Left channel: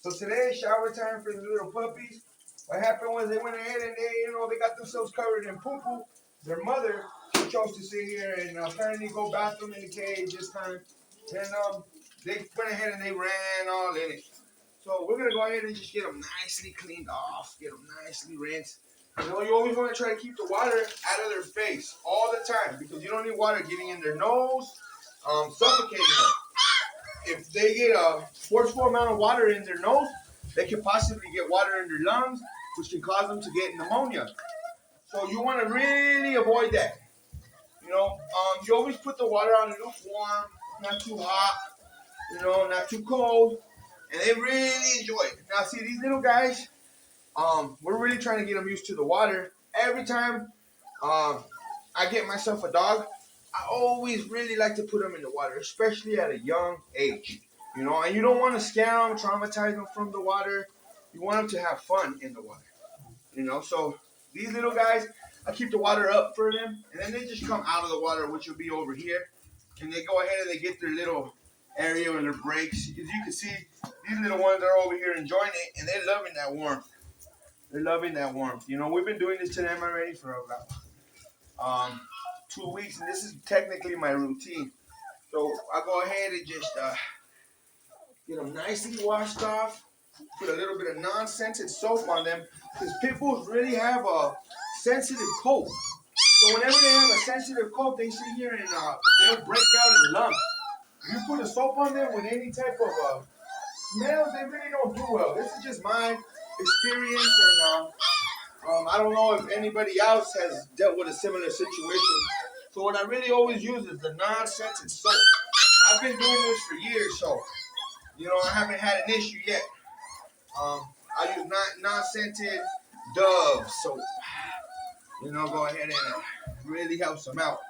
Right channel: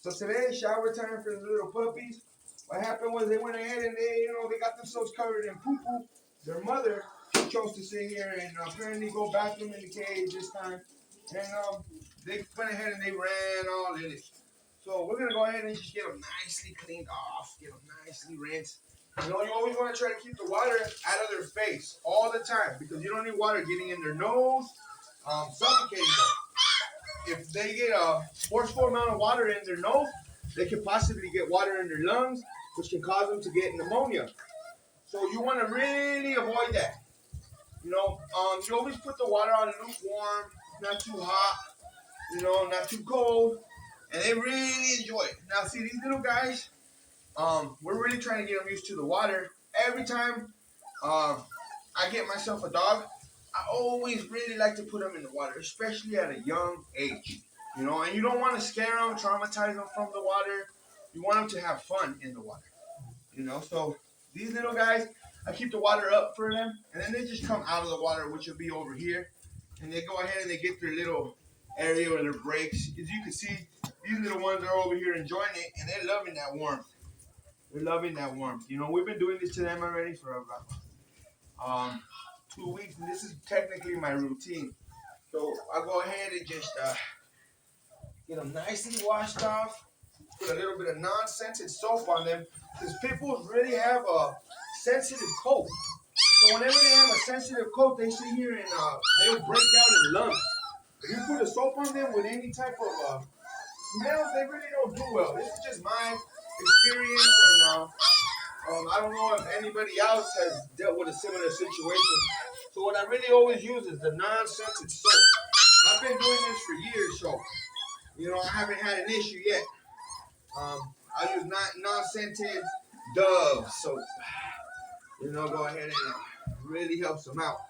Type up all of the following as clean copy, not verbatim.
So today, shower time for the little puppies. What happened was they went ahead and they got themselves covered in poo-poo. Their mother chose to sit here and apparently go bathroom in the cage this time. And they went ahead and they ran all in it. So we're going to go ahead and just get them nicely cleaned off, get them nicely rinsed. You know, you always want to try to keep the water out of their face all the time because you don't need water getting in their nose, suffocating them. If they get a forceful amount of water in their nose, they could possibly get water in their lungs, which can cause them to get pneumonia. So you want to really avoid that. You know, you always put the water on lukewarm, not too hot, not too cold, and they really enjoy it. Now, see, these little guys, we're really trying to get them used to the water. Every time I get myself a dog, I always really like to put them in the water, especially at a young age. And you don't want to scare them, traumatize them from the water. You want them to have fun in the water. So these little guys, I keep the water up for them, and then they just come out of the water, which will be over here, and they go ahead and they get their little area where their breaks. As you can see, these little ones are over here enjoying it, and they're loving that warmth. They're loving that warmth. We've been doing this to them already for about 2 weeks, and this is technically my routine. So I go ahead and just get them nicely washed off, put a little bit of non-scented soap on them, because pit bulls really have a sensitive coat. So whenever they have a sensitive coat, they sit here and they'll break out in lungs. If you put a soap on them with any type of smells, they really don't do well. This is just my experience, and I don't know if anybody else has dealt with a similar situation. So what I really always use is the non-scented soap. I've been doing this for years, so I haven't had an issue yet. I use non-scented Dove soap. Go ahead and really helps them out.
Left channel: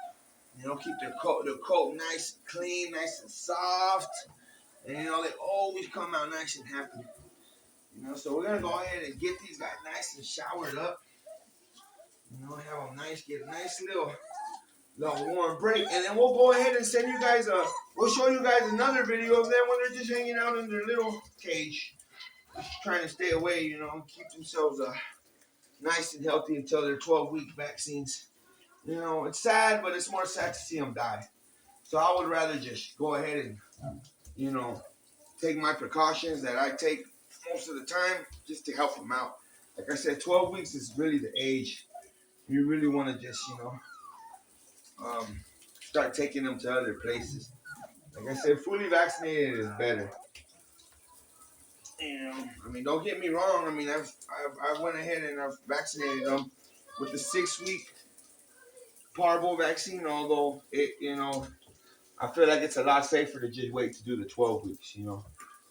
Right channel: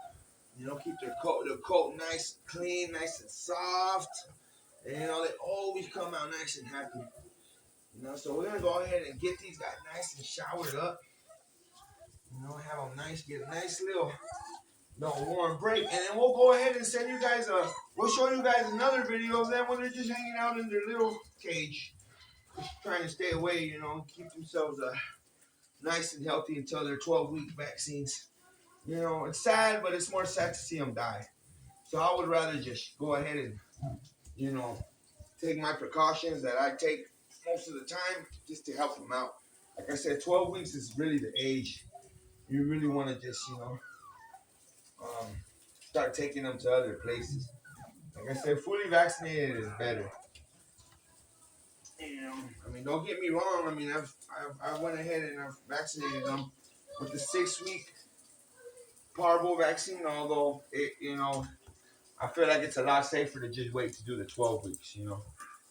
Keep their coat nice, clean, nice and soft. And they always come out nice and happy. So we're gonna go ahead and get these guys nice and showered up. Have them nice, get a nice little warm break, and then we'll go ahead and send you guys we'll show you guys another video of them when they're just hanging out in their little cage, just trying to stay away, keep themselves nice and healthy until their 12-week vaccines. It's sad, but it's more sad to see them die. So I would rather just go ahead and, take my precautions that I take most of the time just to help them out. Like I said, 12 weeks is really the age you really want to just, start taking them to other places. Like I said, fully vaccinated is better. Don't get me wrong. I went ahead and I've vaccinated them with the 6-week parvo vaccine, although I feel like it's a lot safer to just wait to do the 12 weeks,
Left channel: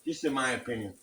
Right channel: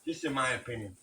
just in my opinion.